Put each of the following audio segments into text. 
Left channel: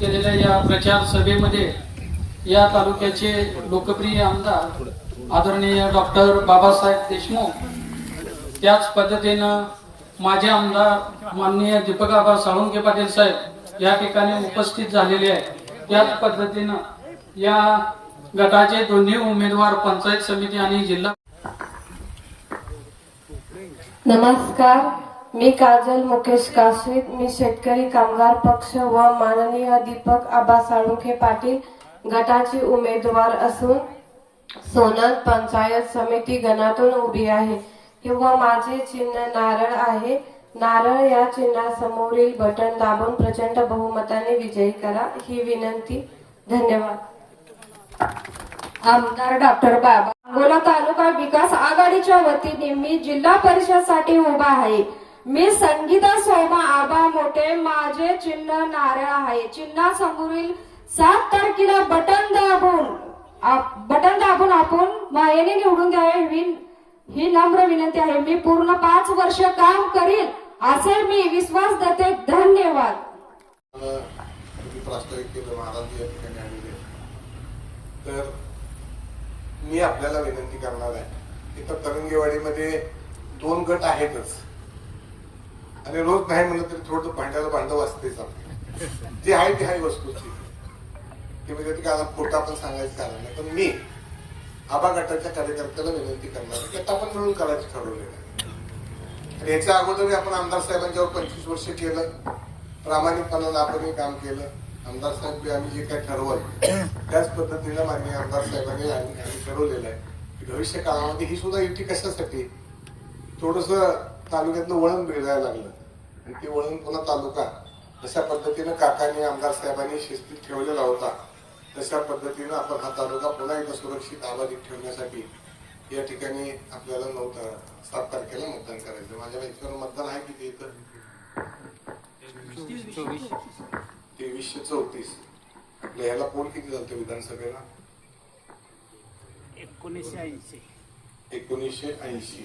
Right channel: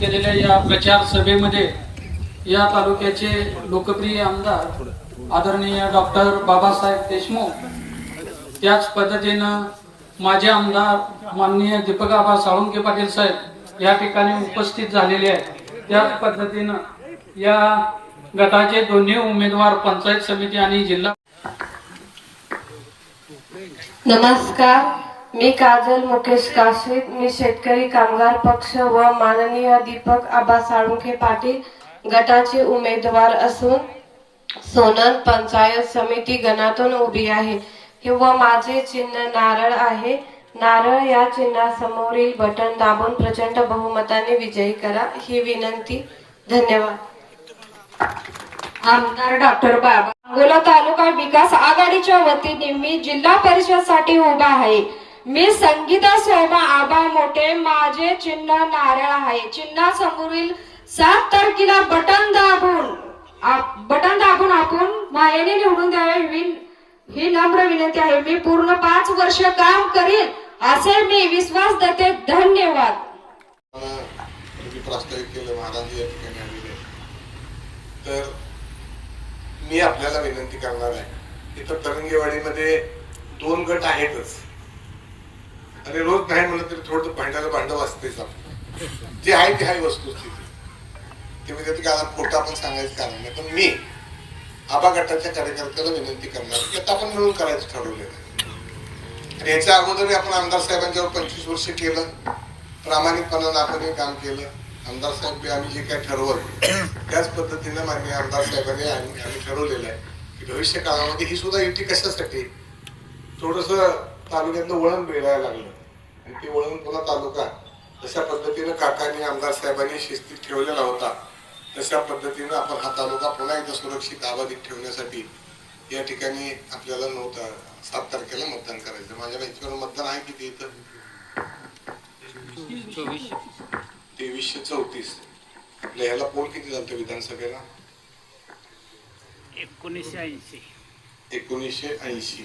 केलेल्या या प्रचार सभेमध्ये या तालुक्याचे लोकप्रिय आमदार आदरणीय डॉक्टर बाबासाहेब देशमुख, त्याच पद्धतीनं माझे आमदार माननीय दीपक आबा साळुंखे पाटील साहेब या ठिकाणी उपस्थित झालेले आहेत। त्याच पद्धतीनं या गटाचे दोन्ही उमेदवार पंचायत समिती आणि जिल्हा। नमस्कार, मी काजल मुकेश काशीद। मी शेतकरी कामगार पक्ष व माननीय दीपक आबा साळुंखे पाटील गटाची उमेदवार असून सोनन पंचायत समिती गणातून उभी आहे व माझे चिन्ह नारळ आहे। नारळ या चिन्हासमोरील बटन दाबून प्रचंड बहुमताने विजयी करा ही विनंती। धन्यवाद। आमदार डॉक्टर बाबा अंगोला तालुका विकास आघाडीच्या वतीने मी जिल्हा परिषद साठी उभा आहे। मी संगीता सोमा आबा मोठे, माझे चिन्ह नारळ आहे। चिन्हासमोरील 7 तारखेला बटन दाबून आपण मायेने निवडून द्यावे ही नम्र विनंती आहे। मी पूर्ण 5 वर्ष काम करीन असे मी विश्वास देते। धन्यवाद। प्रास्ताविक केलं महाराज या ठिकाणी आलेले, तर मी आपल्याला विनंती करणार आहे। इथं तरंगेवाडीमध्ये 2 गट आहेतच आणि रोज नाही म्हणलं तरी थोडं भांडायला भांडव असतेच। जे आहे ते आहे वस्तुस्थिती, ते म्हणजे ते कारण खोटं आपण सांगायचं कारण नाही। पण मी आबा गटाच्या कार्यकर्त्याला विनंती करणार की आता आपण मिळून करायचं ठरवलेलं आहे। आणि याच्या अगोदर आपण आमदार साहेबांच्यावर 25 वर्ष केलं, प्रामाणिकपणानं आपण काम केलं। आमदार साहेब आम्ही जे काही ठरवलं त्याच पद्धतीनं माननीय आमदार साहेबांनी आम्ही ठरवलेलं आहे की भविष्य काळामध्ये ही सुद्धा युती कशासाठी, थोडस तालुक्यातलं वळण मिळायला लागलं आणि ते वळण पुन्हा तालुका जशा पद्धतीनं काकांनी आमदार साहेबांनी शिस्तीत ठेवलेला होता तशा पद्धतीनं आपण हा तालुका पुन्हा एकदा सुरक्षित आबादीत ठेवण्यासाठी या ठिकाणी आपल्याला 7 तारखेला मतदान करायचं। माझ्या बाईकवर मतदान आहे किती इथं 2334। आपल्या ह्याला पोल किती झालं विधानसभेला 1980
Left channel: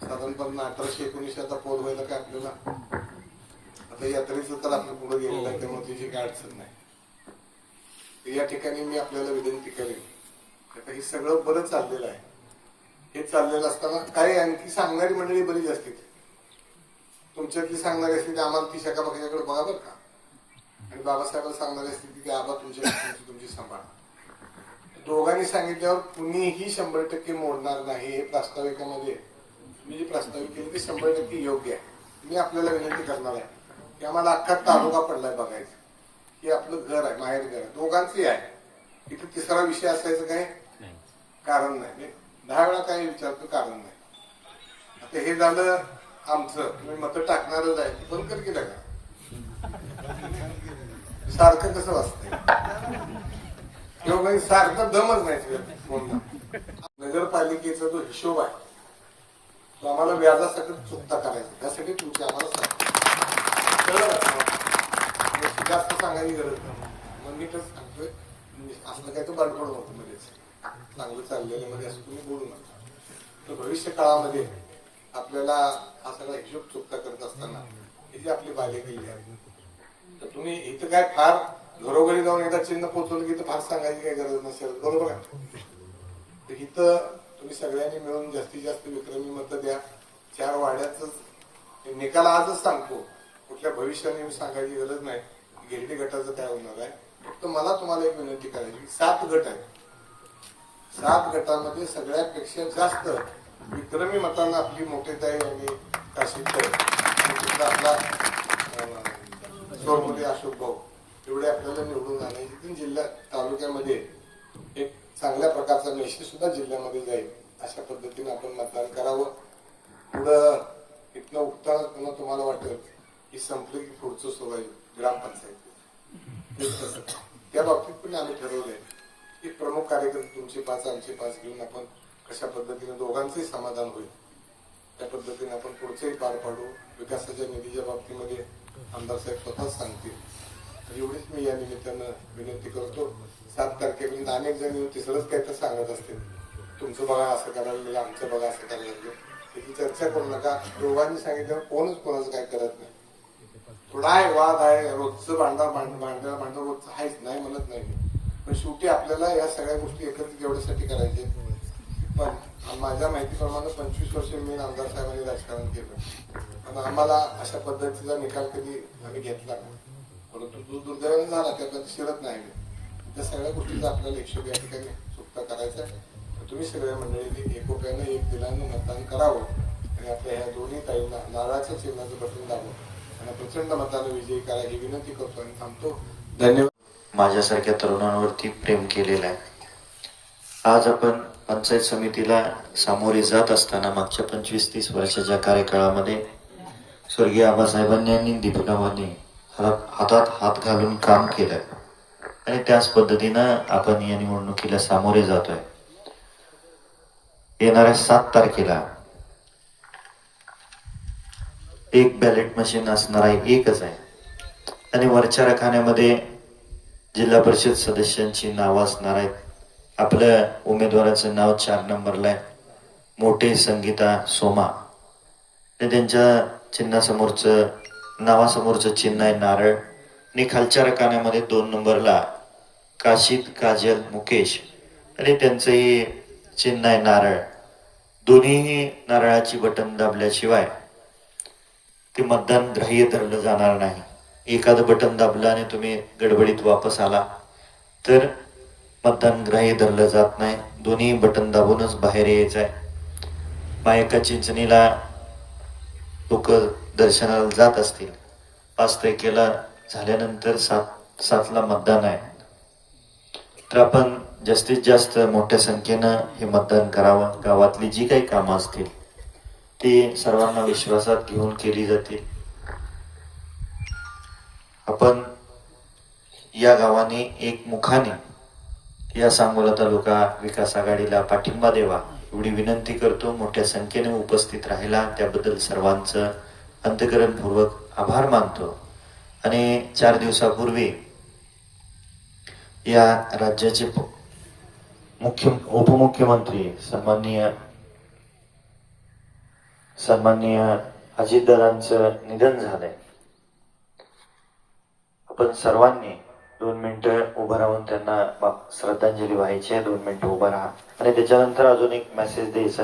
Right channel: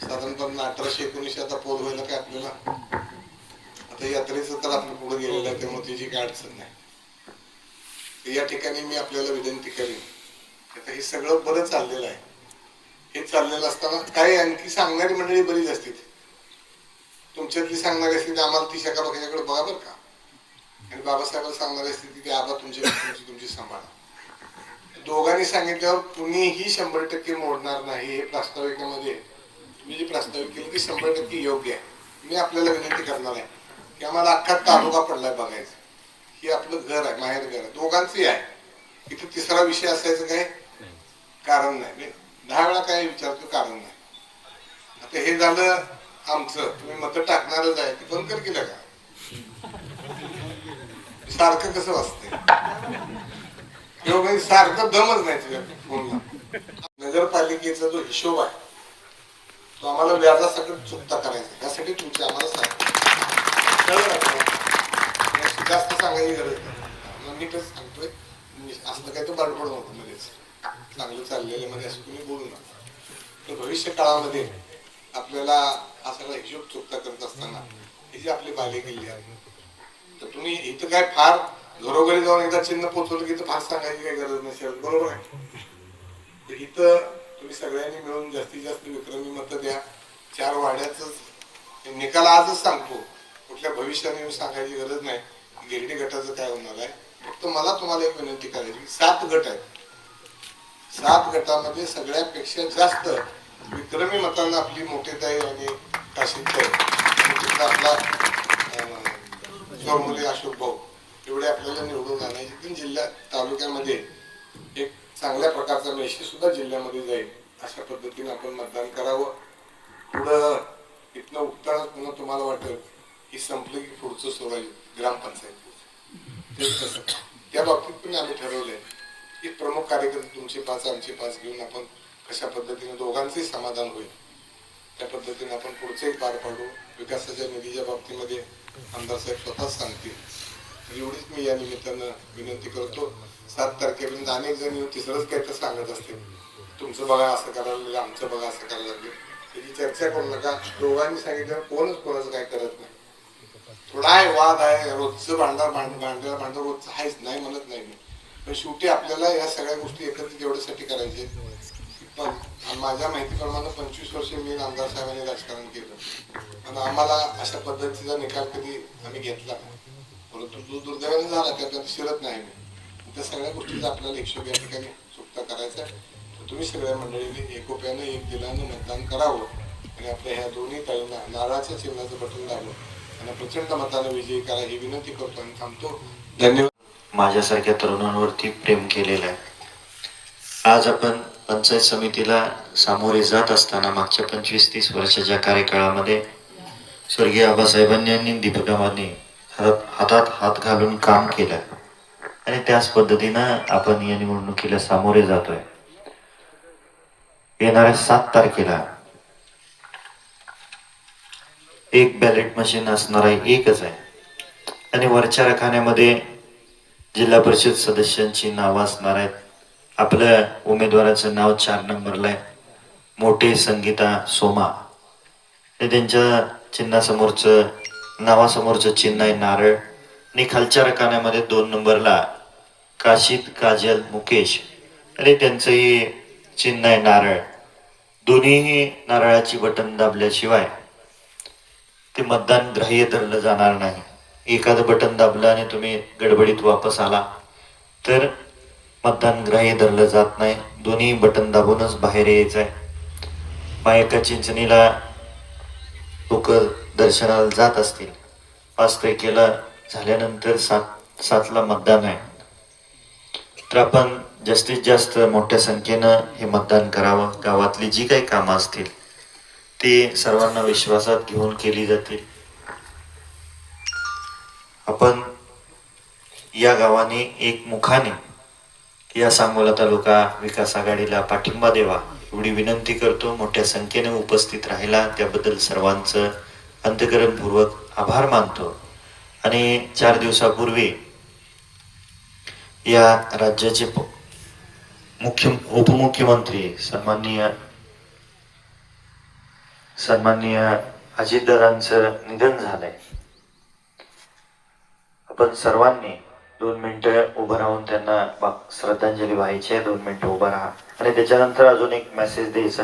साधारणपणे 1819 आता पोल व्हायला काय आपल्याला आता यात्रेचं तर आपलं पुढे गेलेलं आहे त्यामुळे त्याची काय अडचण नाही। या ठिकाणी मी आपल्याला विनंती करेन, आता हे सगळं बरं चाललेलं आहे। हे चाललेलं असताना काही आणखी सांगणारी मंडळी बरीच असते, तुमच्यातली सांगणारी असते ते आम्हाला ती शकाबाच्याकडे बघा बरं का, आणि बाबासाहेबांना सांगणारी असते की आबा तुमची सांभाळा। दोघांनी सांगितल्यावर कुणीही 100% मोडणार नाही। हे प्रास्ताविकामध्ये तुम्ही जे प्रस्तावित केले ते 100% योग्य आहे। मी आपल्याला विनंती करणार आहे की आम्हाला अख्खा तालुका पडलाय बघायचं, हे आपलं घर आहे, माहेर घर आहे, दोघांचंही आहे। इथं तिसरा विषय असायचं काय कारण नाही, 10 वेळा काय विचारतो कारण नाही। आता हे झालं आमचं, तुम्ही मत टाकणारच आहे ते बंद कर केलं का सारखं कसं वाचतंय सारखं दमच नाही तुझ्या फोनला। नगरपालिकेचा जो हिशोब आहे तो आम्हाला व्याजासकट चुकता करायचा, यासाठी तुमची आम्हाला जास्त सांगायची गरज नाही। मी तेच सांगतोय, असं काय तो बडबड नको मध्येच, चांगलं चाललेलं मध्ये असं तुम्ही बोलू नका। तर भविष्य काळामध्ये आपल्याला असा हिशोब चुकता करत असताना हे जे आपले बाले किल्ले आहेत, तर तुम्ही इथं काय फार घरोघरी जाऊन एकदा चिन्ह पोचवलं की फार सांगायची काही गरज नसेल, बरोबर आहे। तर इथं तुम्ही सगळ्यांनी मिळून जास्तीत जास्त विक्रमी मतं द्या। 4 वाड्याच निकाल आजच सांगतो, कुठल्या भविष्याने येऊन सांगायची गरज नाही गिरडी गटाचं काय होणार आहे। फक्त मला तुम्हाला एक विनंती करायची, 7 गट आहेत, 7 गटामध्ये सगळ्यापेक्षा जास्त विक्रमी मतांना आपली मोठेताई आणि काशीदताई आपला स्वरमुली अशोक भाऊ एवढे आपल्याला निवडून आणायचे, पण जिल्ह्यात तालुक्यामध्ये एक चांगल्या प्रकारचा मेसेज सुद्धा जिल्ह्यामध्ये जाईल अशा पद्धतीने आपण मतदान करावं। पुढं इथनं उठताना पुन्हा तुम्हाला वाटेल की संपले की पुढचं सोडायचं ग्रामपंचायत, त्या बाबतीत पण आम्ही ठरवलंय की प्रमुख कार्यकर्ते तुमचे 5 आमचे 5 घेऊन आपण कशा पद्धतीने दोघांचेही समाधान होईल त्या पद्धतीने आपण पुढचंही पार पाडू। विकासाच्या निधीच्या बाबतीमध्ये आमदार साहेब स्वतःच सांगतील, तर एवढीच मी या निमित्तानं विनंती करतो। 7 तारखेपर्यंत अनेक जण येऊन तिसरंच काय तर सांगत असते, तुमचं बघा असं करायला लागलं, आमचं बघा असं करायला लागलं, त्याची चर्चा करू नका। दोघांनी सांगितलं कोणच कोणाचं काय करत नाही। थोडा आहे, वाद आहे, रोजचं भांडण रोजचं आहेच, नाही म्हणत नाही मी. पण शेवटी आपल्याला या सगळ्या गोष्टी एकत्रित एवढ्यासाठी करायचे. पण माझ्या माहितीप्रमाणे 25 वर्ष मी आमदार साहेबांनी राजकारण केलं आणि आम्हाला अशा पद्धतीचा निकाल कधी आम्ही घेतला नाही. परंतु तो दुर्दैवाने झाला, त्यात शिरत नाही मी. त्या सगळ्या गोष्टीचा आपल्याला हिशोब या ठिकाणी चुकता करायचा. तुम्ही सगळ्या मंडळींनी एकोप्यानं एक दिलानं मतदान करावं आणि आपल्या ह्या दोन्ही ताईंना नारळाच्या चिन्हाचं बटन दाबून आणि प्रचंड मतानं विजयी करा ही विनंती करतो आणि थांबतो. धन्यवाद. माझ्यासारख्या तरुणांवरती प्रेम केलेलं आहे. आज आपण पंचायत समितीला सामोरे जात असताना मागच्या 25-30 वर्षाच्या कार्यकाळामध्ये स्वर्गीय आबासाहेबांनी आणि दीपकामांनी हातात हात घालून काम केलं आणि त्याच पद्धतीनं आपण या निवडणुकीला सामोरे जातोय. येणाऱ्या 7 तारखेला एक बॅलेट मशीन असणार आहे, एकच आहे. आणि वरच्या रखान्यामध्ये जिल्हा परिषद सदस्यांची नावं असणार आहेत. आपल्या उमेदवाराचं नाव 4 नंबरला आहे, मोठे संगीता सोमा. हे त्यांच्या चिन्हासमोरचं नावासमोरचं चिन्ह आहे नारळ. आणि खालच्या रखान्यामध्ये 2 नंबरला काशीद काजल मुकेश आणि त्यांचंही चिन्ह आहे नारळ. दोन्हीही नारळाची बटन दाबल्याशिवाय ते मतदान ग्राह्य धरलं जाणार नाही. एखादं बटन दाबलं आणि तुम्ही गडबडीत वापस आला तर मतदान ग्राह्य धरलं जात नाही. दोन्ही बटन दाबूनच बाहेर यायचं आहे. मायका चिंचणीला लोक दर्शनाला जात असतील. 5 तारखेला झाल्यानंतर 7ला मतदान आहे. तर आपण जास्तीत जास्त मोठ्या संख्येनं हे मतदान करावं. गावातली जी काही कामं असतील ते सर्वांना विश्वासात घेऊन केली जातील. आपण या गावाने एक मुखाने या सांगोला तालुका विकास आघाडीला पाठिंबा द्यावा एवढी विनंती करतो. मोठ्या संख्येने उपस्थित राहिला त्याबद्दल सर्वांचं अंतःकरणपूर्वक आभार मानतो. आणि 4 दिवसापूर्वी या राज्याचे उपमुख्यमंत्री सन्माननीय अजितदादांचं निधन झालंय. आपण सर्वांनी 2 मिनिटं उभं राहून त्यांना श्रद्धांजली व्हायची आहे. 2 मिनिटं उभं राहा आणि त्याच्यानंतर अजून एक मेसेज द्यायचा.